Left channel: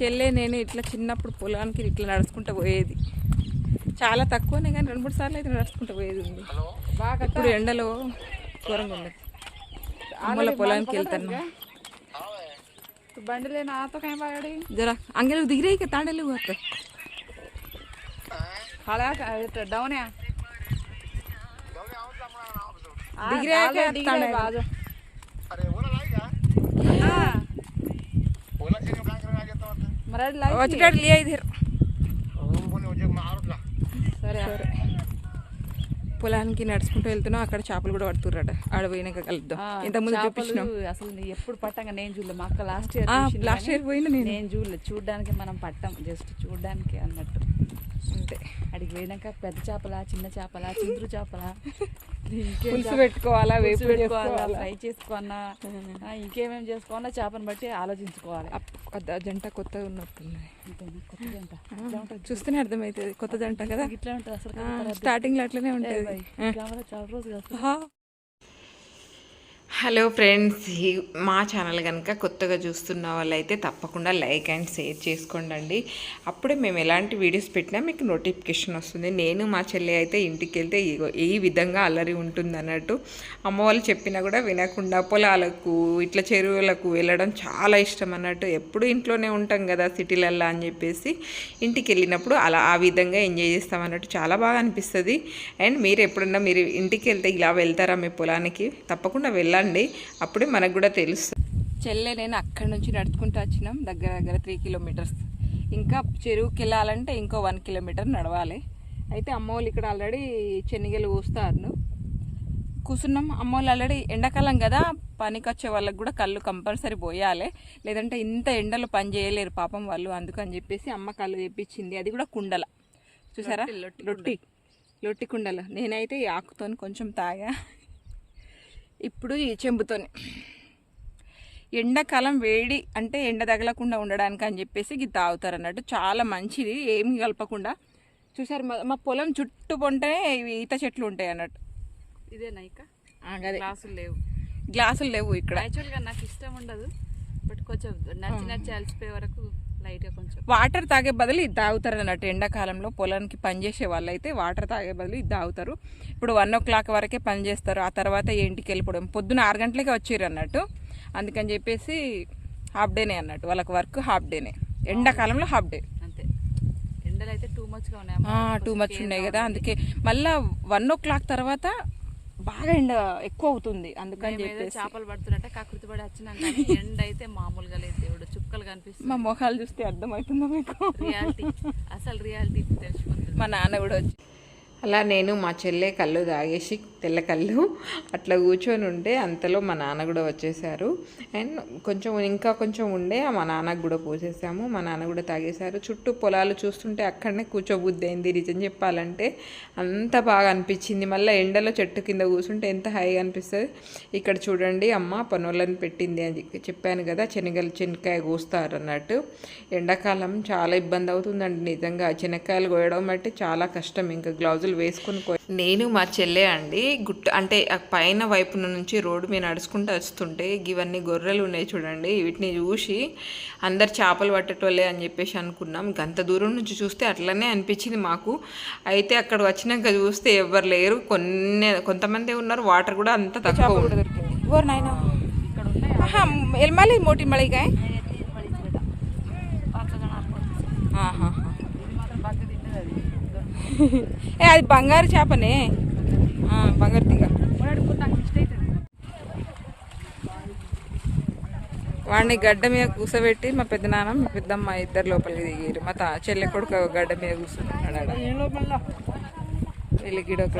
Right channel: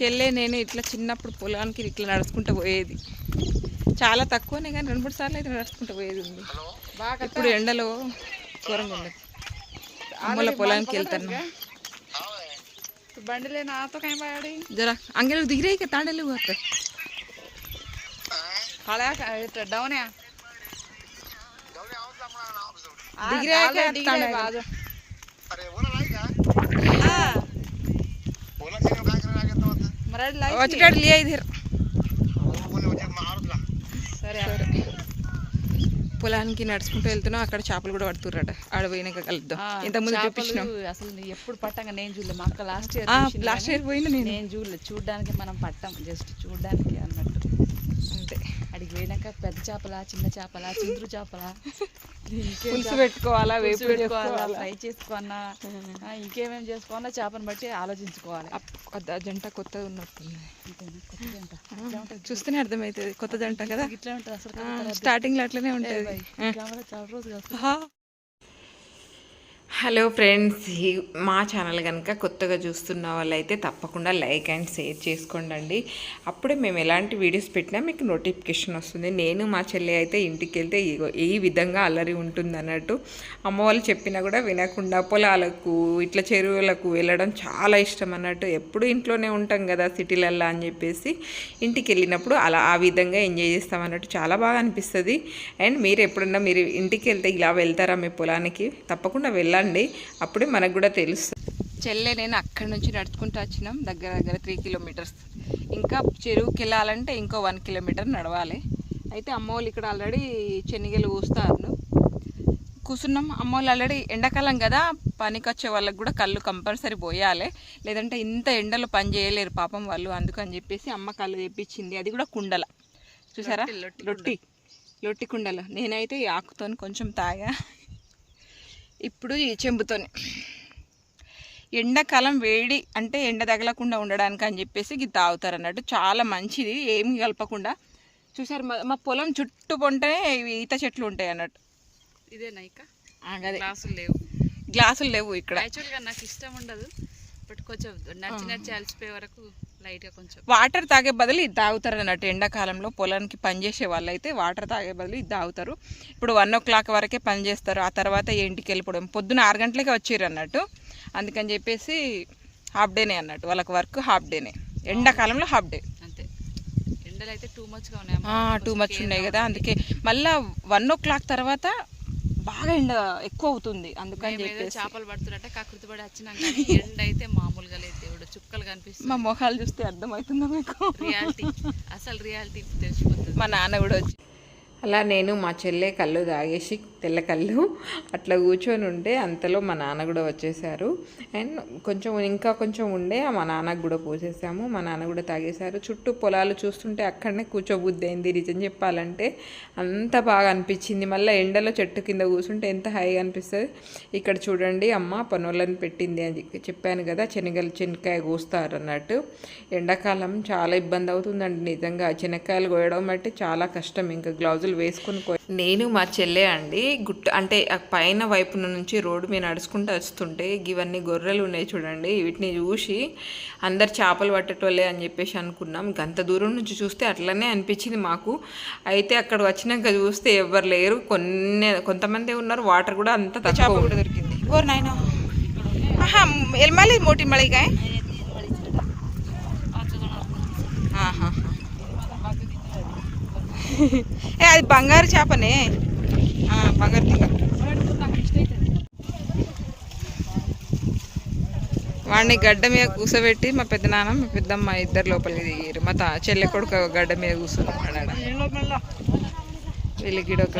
చెల్లె నేను ఇట్లా చిన్నప్పుడు పొలానికి ఇట్లా నడుచుకుంటూ పోయేది. చాలా తక్కువనే కానీ 2-3 సార్లు అయితే నడుచుకుంటూ పోయేది ఉంది. ఇప్పుడు ఎండలో ఘోరంగా ఉండదు. అమ్మల పొలానికి వెళ్తాను. బండిలే నాతో కहीं बाड़ी जरा अंगे लोग दिख रहे हैं क्या तांडे लोग आते खड़ा है डाउन है दिख रहे हैं क्या तांडे अरे वो ना लाइक हां बोला चलो काय करायला लागत नव्हतं मराठी लाइक वचटाड लिया इधर बोलने होते मारला సరే పొలానికి నడుచుకుంటూ వెళ్తున్నాం. అక్కడ చేపలు కూడా పడుతుర్రట. ఆడ పోయినాక కలుద్దాం. ఇంతకుముందు చూపించినాం. అసలు ఎప్పుడు పట్టంగా నేను చూడలే. మా అక్క లాస్ట్ ఇయర్ పోయినా నేను చూడలేదు. చూడడానికి మనం పట్టాం, జస్ట్ చూడడానికి అన్నట్టు అంతే. అడిగి పోయినాక పెద్ద చేపల, చిన్న చేపల, చింతరు చేపల, పులుసు పెట్టుకోవాలా, వేపు పెట్టుకోవాలా, ఫ్రై చేసుకోవాలా, ఇంకేమేమి చేసుకోవాలా చేపను బట్టి ఆలోచించుకోవాలి. జంట కొత్తగా ఉన్నట్టుంది. అంతేనా? కొత్త జంట చూస్తేనే అర్థమవుతుంది కొత్త జంట కదా. ఇట్లా ఉంటుంది అసలు. స్టార్టింగ్ లో అట్లనే ఉంటుంది. కెమెరా చాలా రోజులు. హలో ఫ్రెండ్స్, మా ఛానల్ కనుక కొత్తగా చూస్తున్న వాళ్ళైతే తప్పకుండా లైక్ అండ్ షేర్ చేసుకోండి. అప్పుడే మేము ఎలాంటి వీడియోస్ పెట్టినా మీకు నోటిఫికేషన్ వస్తుంది. నేను మా చెల్లి అయితే ఇంటికి వెళ్తే ఈ విధంగా అల్లరి ఉంటుంది అన్నట్టు. అమ్మ వాళ్ళు చెప్పినా కూడా వినకుండా పొలాలకు ఇట్లా చెరువులకు వెళ్ళడం చాలా ఇష్టం అన్నట్టు. ఎప్పుడు ఇంట్లోనే ఉంటాం కదా సిటీలల్లో అని చెప్పేసి ఇంటికి వెళ్ళినప్పుడు అలా ఆ విధంగా ఎంజాయ్ చేస్తాం అన్నట్టు. చాలా బాగా అనిపిస్తుంది. అండ్ మీరు ఎప్పుడన్నా మీరు ఇంటికి వెళ్తే ఇలా వెళ్తారా మీ పొలానికి? తప్పకుండా వెళ్ళండి, అప్పుడే మనకు కూడా తెలుస్తుంది. చెల్లె నేను అక్కడి నుంచి నడుచుకుంటూ వచ్చినాం. దగ్గర 3 కిలోమీటర్స్. ఇంకా చెరువుకి వెళ్ళాలంటే ఇంకో 1 కిలోమీటర్ నడవాలి. అయితే అమ్మ వాళ్ళు ఇక్కడ ఆల్రెడీ శనగలు కూస్తారు. కూర్చున్నాం. అమ్మ వాళ్ళు ఆల్రెడీ ఎండాకాలం కదా, పనికి వచ్చే వాళ్ళకి కూడా కళ్ళు కంపల్సరీ పోయాలి, లేదంటే ఇంత ఎండలో పని చేయలేరు పాపం వాళ్ళు. అందుకని చెప్పేసి అమ్మ కళ్ళు తెప్పించింది. అది కూడా కుండల, చూసారా, లొట్టి కుండలో. నేనైతే ఈ ఆకుతో కొంచెం తాగా. ఇప్పుడు ఈ చెంబుతోనే. ఎండాకాలం వేడి అంటే ఎండ తగలకుండా ఉండడానికి అని చెప్పేసి ఇది తాగుతారు అన్నట్టు. చాలా మంచిది, ఏమి కలపకుండా. చూసారు మా పొలం చుట్టూ పొంటే ఈత చెట్లు ఉంటాయి అన్నట్టు. ఇదేనా ఇక? అదే, గ్లాసులు లేవు ఇక్కడ. యాక్చువల్గా నాకు ఇష్టం ఉండదు, బట్ కొంచెం నడిచి అలసిపోయే వరకు లైట్గా కొంచెం వాటర్ తాగే బదులు ఇది తాగుతారు అన్నట్టు. ఎండాకాలంలో పొలానికి పనిచేసే వాళ్ళు అయితే వాటర్ తాగే బదులు ఇది తాగుతారు. ఇప్పుడు 1 o'clock వరకే పని చేస్తారు. ఆ తర్వాత ఇంటికి వెళ్ళిపోవడం. పొద్దున 6 గంటలకే వచ్చారు అన్నట్టు. అందుకని చెప్పేసి హాఫ్ డేనే అన్నట్టు వాళ్ళకి వర్క్. హాఫ్ డేనే, ఎండాకాలంలో హాఫ్ డే. అంతే. ఎండలు అయితే టూ మచ్ ఉన్నాయి కదా. అందుకే మళ్ళీ 1 o'clock తర్వాత బాగా ఎండ ఎక్కువ అవుతుంది. అందుకని చెప్పేసి చేపలు పడుతున్నట్టే కకృతి పడి వచ్చినాక ఎండ అయితే మామూలుగా లేదు. దేవుడు చుక్కలు కనిపిస్తుంది. మా మొహాలు చూస్తే అర్థమవుతుందా మీకు? రియాలిటీ, అసలు రియాలిటీ తెలిసిపోతుంది. మా నాన్న కూడా వచ్చి అలా నేను మా చెల్లె కళ్ళు తాగేసి తెల్ల కళ్ళు అట్లా కూర్చొని ఉంటే అంతలో మా నాన్న కూడా వచ్చేసారు. అండ్ ఇంకా కొంచెం ఉండే మా నాన్నకు కూడా పోసేసాము. మా నాన్న కూడా తాగేశారు. చుట్టూ పొలాలు చూస్తుంటే అక్కడనే కూర్చోబుద్ధి అయింది. నిజం చెప్పాలంటే అంత బాగా అనిపించింది. మళ్ళీ ఎండలో చెట్టు కింద కూర్చుంటే ఎంత హాయిగా అనిపిస్తుంది. ఇక్కడ చూడండి, అమ్మ పనులను పెట్టింది అని చెప్పాను కదా, శనగకాయ కోస్తారు అన్నట్టు. ఎండాకాలం చాలా ఇబ్బంది అవుతుందండి నిజంగా. శనగకాయలు కోయడం అంటే చాలా కష్టం. ఇంకా గ్లౌజులు వేసుకుని నేను మా చెల్లె అండి అంటే పైన వైపు నుంచి రోడ్డు మీద నడుచుకుంటూ వస్తుంటే ఇవన్నీ గొర్రెలు ఉన్నాయి చూడండి. వీటిని చూసి అందరు చేపలు పట్టేటోళ్ళే అని చెప్పేసి అనుకున్నాం. గంత దూరం నుంచి చూస్తే అట్లనే అనిపించింది మాకు. అయితే అక్కడ వచ్చినాక చూస్తే ఎవరు లేరు, కొంతమంది ఉన్నారు. వాటర్ కూడా అంత తక్కువ కూడా దొరికింది. ఓర్ నాయనా, ఎల్మాలి మోటి మళిగా అది బంగారు చేపనే, బంగారు తీగ. వాడిని గడ్డ మీద కూర్చోబెట్టి మా పెద్దనాన్న మా పెద్దమ్మ ఇద్దరు లోపలికి దిగారు. మా చెల్లె కొడుకు గడ్డ మీద కూర్చున్నాడు. వీళ్ళకి గిడొక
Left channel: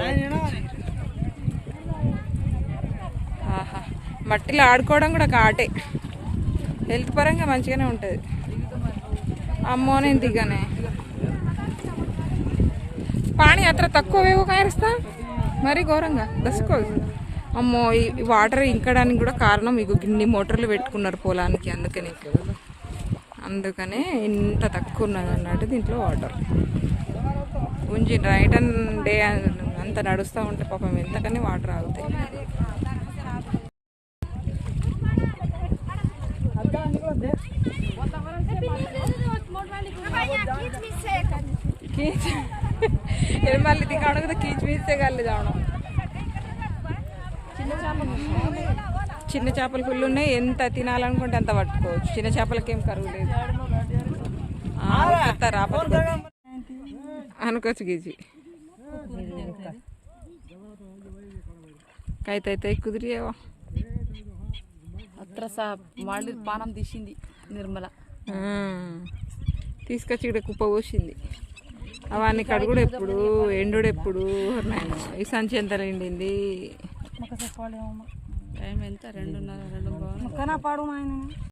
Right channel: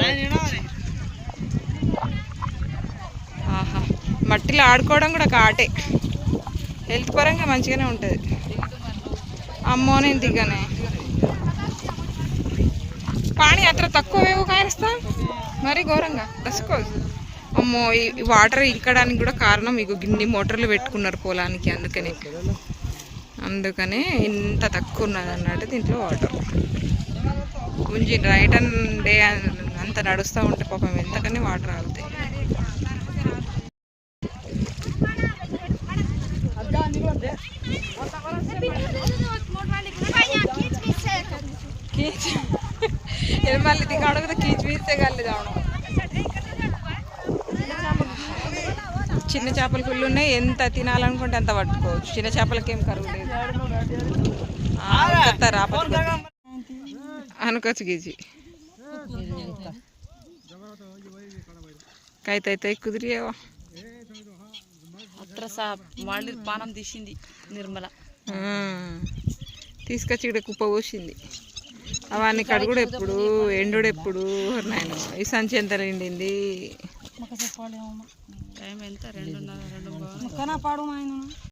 ఆహా, మట్టిలో ఆడుకోవడం కూడా ఒక ఆటే. హెల్త్ పరంగా మంచిగానే ఉంటుంది. అమ్మో నేను దిగానే. పానీ అത്ര తక్కువ వేగో కాయస్తా మరీ ఘోరంగా దసుకో. అమ్మో, ఈ వాటర్ ఇంకడానికి కూడా కారణం ఇగో గిన్ని మోటార్లు పెట్టుకున్నారు పొలానికి. అందుకనే ఇంత తక్కువ ఉన్నది అన్నట్టు దీంట్లో వాటర్. కొంచెం నైట్ అండ్ డే అంత నడుస్తూ ఉంటే పాపం ఎంతకని వాటర్ ఆగుతాయి. कीच मళ్ళీ దిగా అడగదు కీచ్ వీస్తే గల్లి దావడం చిన్న చేపలు ఫుల్ ఉన్నాయి ఎంత తినాలనుకుంటే అంత పట్టుకోవచ్చు చిన్న చేపలకి ఏం కరువు లేదు రాపతి అనుకోవచ్చు గీజీ కైతే కుదిరియేవా అత్ర మళ్ళీ పానం తీసింది నిర్మల తీసుకొచ్చి ఇక్కడ కుప్ప పోసింది అవన్నీ కడుగుడు ఎప్పుడు ఎండుడు ఎప్పుడు నాయన ఈ సంచి ఎంత నిండింది టైం ఎంత 2:30 2:00